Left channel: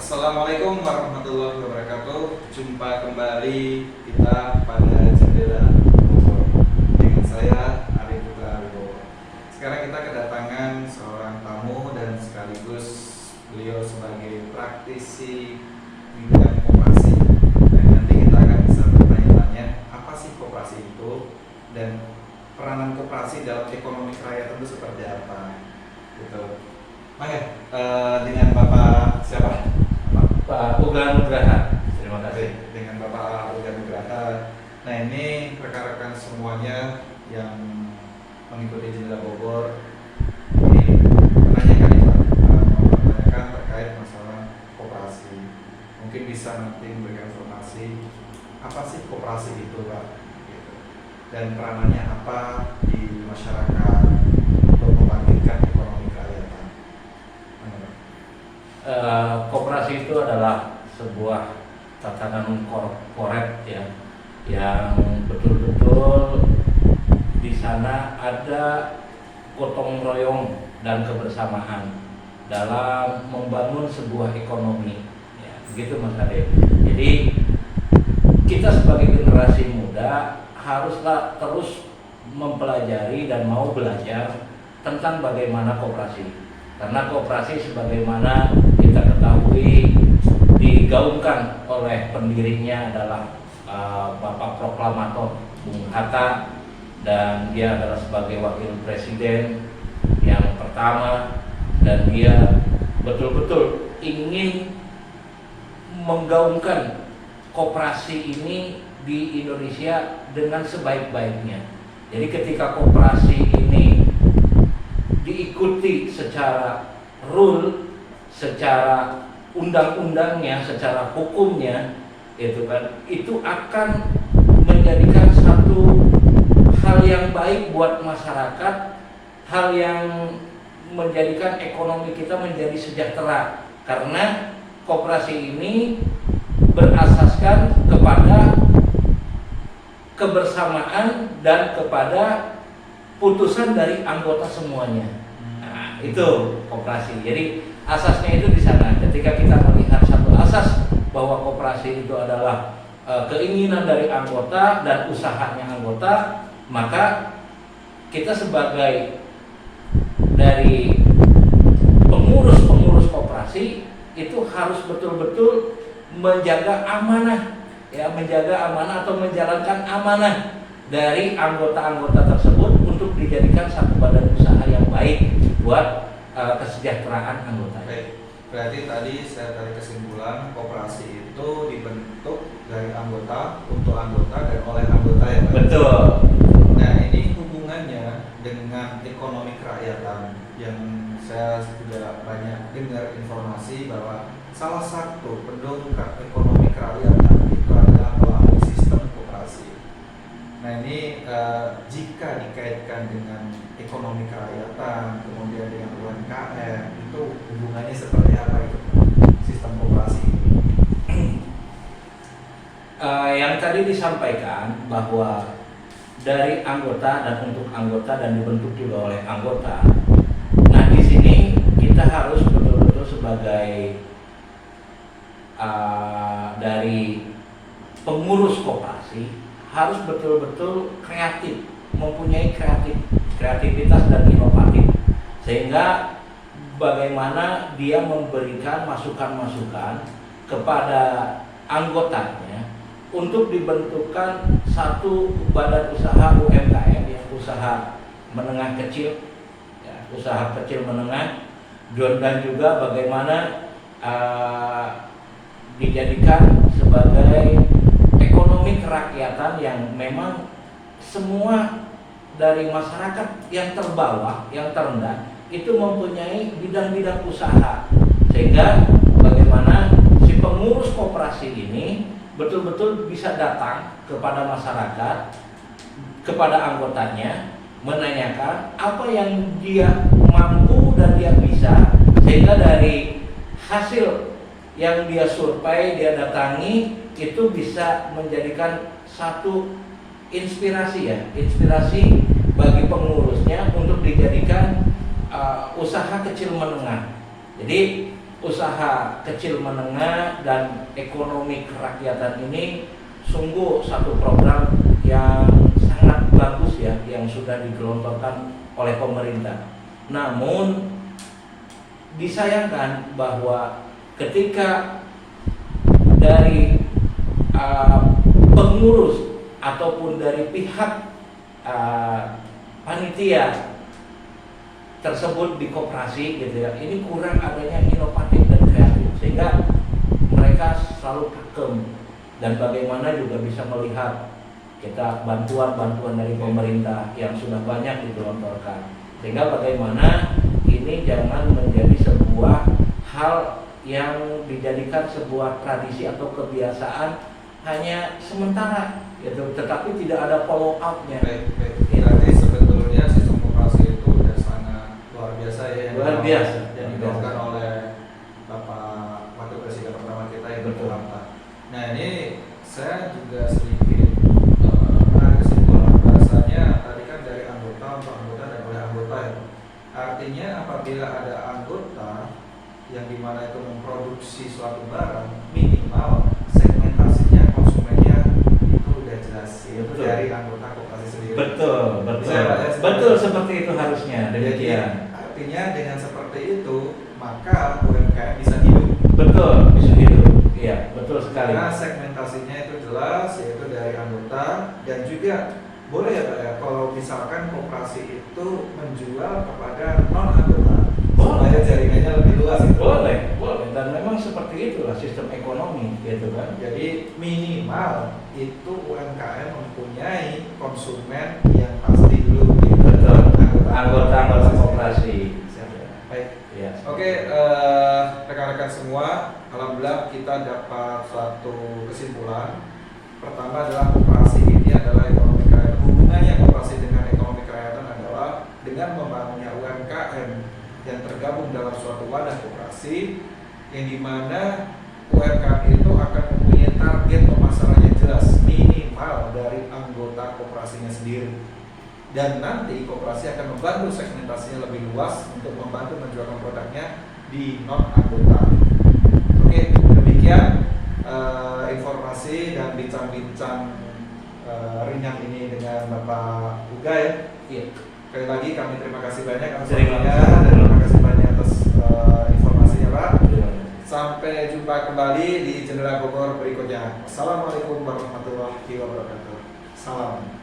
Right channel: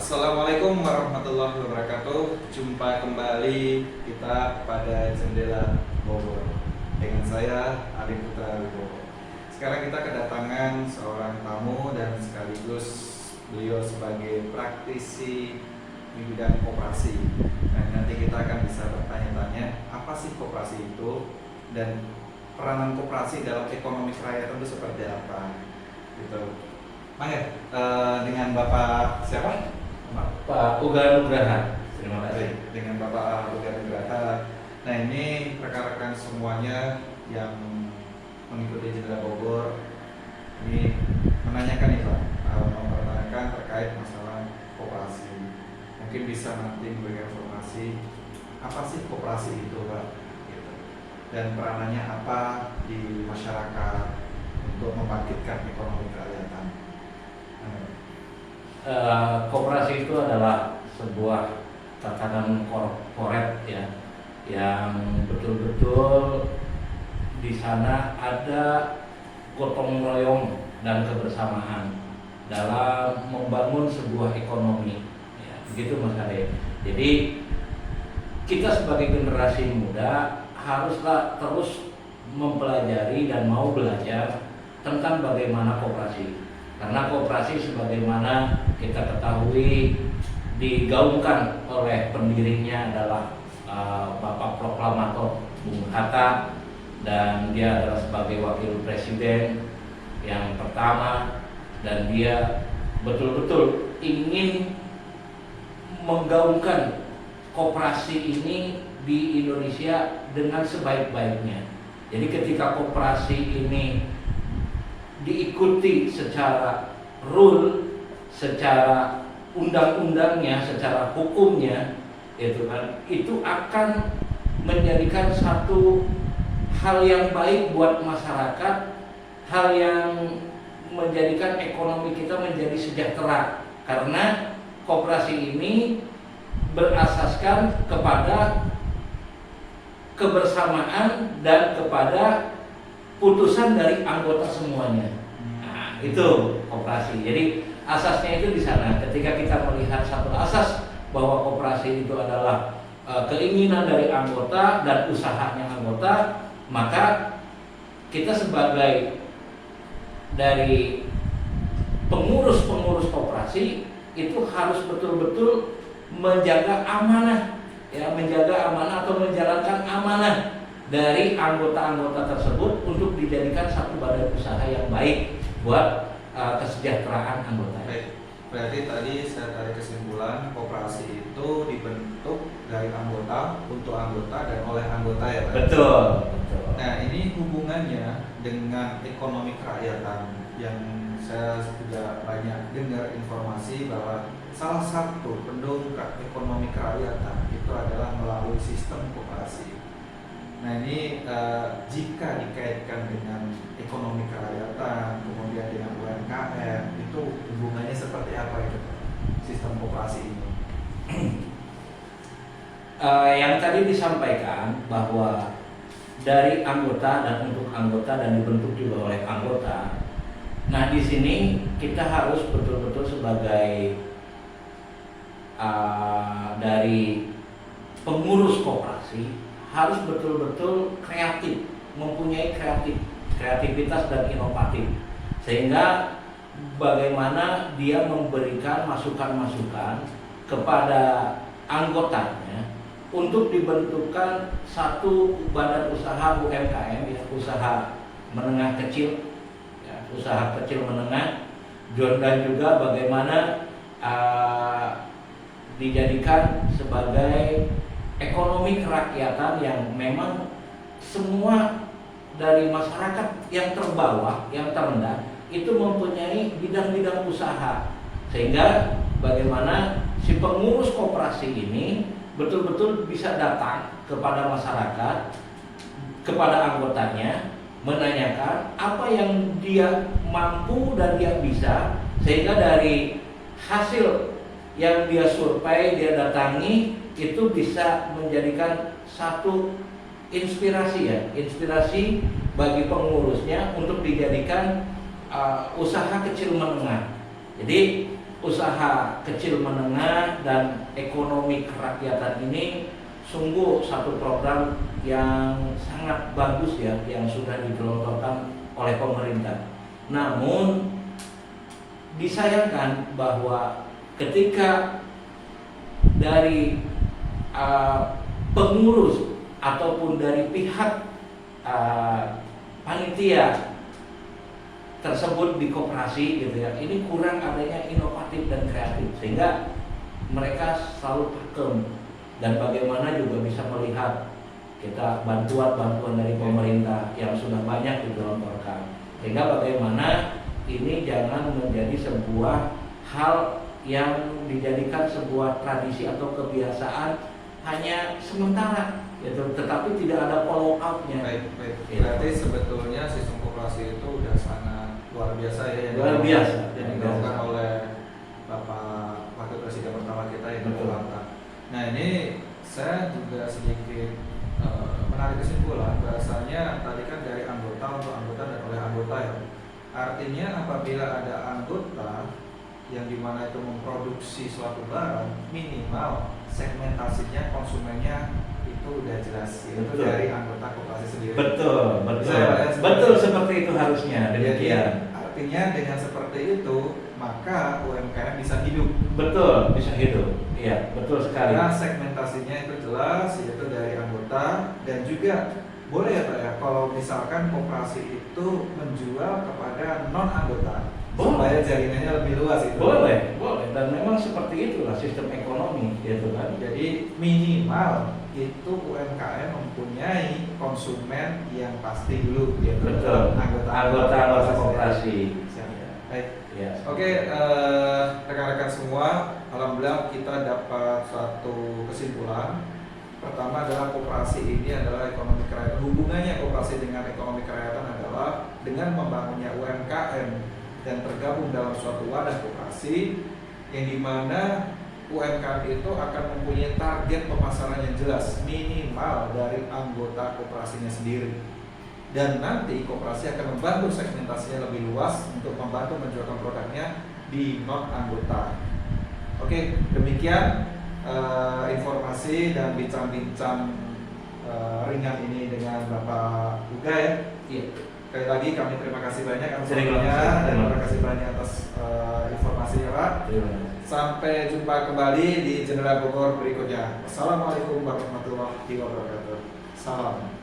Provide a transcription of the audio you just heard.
Assalamualaikum warahmatullahi wabarakatuh. Jumpa kembali kita pada Jendela Bogor dengan saya Arif Putra Wibowo. Sekarang kita kedatangan seorang tamu dan sekaligus beliau sebagai praktisi di bidang koperasi. Dan nanti kita akan bisa bertanya-tanya apa sih koperasi itu dan peranan koperasi dalam ekonomi kerakyatan itu seperti apa. Gitu. Maka dengan Bapak siapa? Pak Uga Nugraha, terima kasih. Dengan Bapak Uga Nugraha. Nah, ini rekan-rekan semuanya yang mengikuti Jendela Bogor ini menanyakan Pak, mempertanyakan terkait masalah koperasi. Mungkin bisa nanti memberikan informasi apa sih koperasi itu Pak, gitu. Dan peranannya apa di masyarakat untuk membangkitkan ekonomi kerakyatan. Koperasi itu adalah sebuah tatanan korporat ya, yang betul-betul di sana ada gotong royong dan kebersamaan dalam membangun sebuah ekonomi. Ya, begitu Mas Arif. Jadi kita sebagai generasi muda haruslah terus mempelajari dan mau belajar tentang bagaimana koperasi. Karena koperasi sebagaimana kita ketahui digaungkan oleh pendirinya adalah Bapak Proklamator Bung Hatta, dan dia adalah sebagai wakil presiden yang pertama, dan dia betul-betul ingin menggaungkan koperasi ini di Indonesia dengan sebaik-baiknya. Jadi ketika koperasi ini diikuti secara rule, secara undang-undangnya, secara hukumnya, itu akan menjadikan satu hal yang baik buat masyarakat, hal yang menjadikan ekonomi kita menjadi sejahtera, karena koperasi ini berasaskan kepada kebersamaan dan kepada putusan dari anggota semuanya. Nah, itu koperasi. Jadi asasnya itu di sana. Ketika kita melihat satu asas bahwa koperasi itu adalah keinginan dari anggota dan usahanya anggota, maka kita sebagai dari pengurus koperasi itu harus betul-betul menjaga amanah, ya, menjaga amanah atau menjalankan amanah dari anggota-anggota tersebut untuk dijadikan satu badan usaha yang baik buat kesejahteraan anggota. Baik, berarti tadi saya tarik kesimpulan koperasi itu dibentuk dari anggota untuk anggota dan oleh anggota ya Pak? Betul. Nah, ini hubungannya dengan ekonomi kerakyatan yang saya juga banyak dengar informasi bahwa salah satu pendongkrak ekonomi kerakyatan itu adalah melalui sistem koperasi. Nah, ini jika dikaitkan dengan ekonomi kerakyatan, kemudian dengan UMKM, itu hubungannya seperti apa itu sistem koperasi ini? Yang tadi disampaikan bahwa dari anggota dan untuk anggota dan dibentuk juga oleh anggota. Nah, di sini kita harus betul-betul sebagai dari pengurus koperasi harus betul-betul kreatif, mempunyai kreativitas dan inovatif, sehingga bagaimana dia memberikan masukan-masukan kepada anggotanya untuk dibentukkan satu badan usaha UMKM, ya, usaha menengah kecil, ya, usaha kecil menengah, dan juga bagaimana dijadikan sebagai ekonomi kerakyatan yang memang semua dari masyarakat yang terbawah, yang terendah itu mempunyai bidang-bidang usaha, sehingga bagaimana si pengurus koperasi ini betul-betul bisa datang kepada masyarakat, kepada anggotanya, menanyakan apa yang dia mampu dan dia bisa, sehingga dari hasil yang dia survei, dia datangi, itu bisa menjadikan satu inspirasi, ya, inspirasi bagi pengurusnya untuk dijadikan usaha kecil menengah. Jadi usaha kecil menengah dan ekonomi kerakyatan ini sungguh satu program yang sangat bagus ya, yang sudah digelontorkan oleh pemerintah. Namun disayangkan bahwa ketika dari pengurus ataupun dari pihak panitia tersebut di koperasi gitu ya, ini kurang adanya inovatif dan kreatif, sehingga mereka selalu pakem. Dan bagaimana juga bisa melihat kita bantuan dari pemerintah yang sudah banyak digelontorkan, sehingga bagaimana ini jangan menjadi sebuah hal yang dijadikan sebuah tradisi atau kebiasaan hanya sementara gitu, tetapi tidak ada follow up-nya. Baik. Berarti sebetulnya sistem koperasi itu udah sangat luar biasa ya, Luar biasa. yang dilakukan oleh Bapak Wakil Presiden pertama kita yang Betul. Hatta. Nah, ini saya juga sedikit menarik kesimpulan bahasanya tadi kan dari anggota untuk anggota dan oleh anggota ya. Artinya apabila ada anggota yang dimana itu memproduksi suatu barang, minimal segmentasinya konsumennya itu udah jelas, itu Betul. dari anggota koperasi sendiri. Betul. Betul seperti itu harusnya. Demikian. Artinya dengan seperti itu maka UMKM bisa hidup. Betul, bisa hidup. Iya, betul sekali. Karena segmentasinya itu jelas, yaitu dari anggota, dan juga boleh ya Pak ya, kalau misalkan koperasi itu menjual kepada non anggota, supaya jaringannya lebih luas itu. Boleh. Dan memang seperti itulah sistem ekonomi, gitu kan. Jadi minimal itu UMKM mempunyai konsumen yang pasti dulu, gitu. Betul. Anggota koperasi. Siap ya. Baik. Ya. Oke, rekan-rekan semua, alhamdulillah kita dapat suatu kesimpulan. Pertama adalah koperasi ini adalah ekonomi kerakyatan. Hubungannya koperasi dengan ekonomi kerakyatan adalah dengan membangunnya UMKM dan tergabung dalam suatu wadah koperasi, yang dimana UMKM itu akan mempunyai target pemasaran yang jelas, minimal dari anggota koperasinya sendiri. Dan nanti koperasi akan membantu segmentasinya lebih luas untuk membantu menjualkan produknya di non anggota. Oke, demikian informasi dan bincang-bincang ringan ini dengan Bapak Uga ya. Iya. Sekali lagi kami terima kasih banyak atas Terima waktunya kasih. dan terima kasih banyak atas informasinya Pak. Terima kasih. Sampai jumpa kembali di Jendela Bogor berikutnya. Assalamualaikum warahmatullahi wabarakatuh. Salam.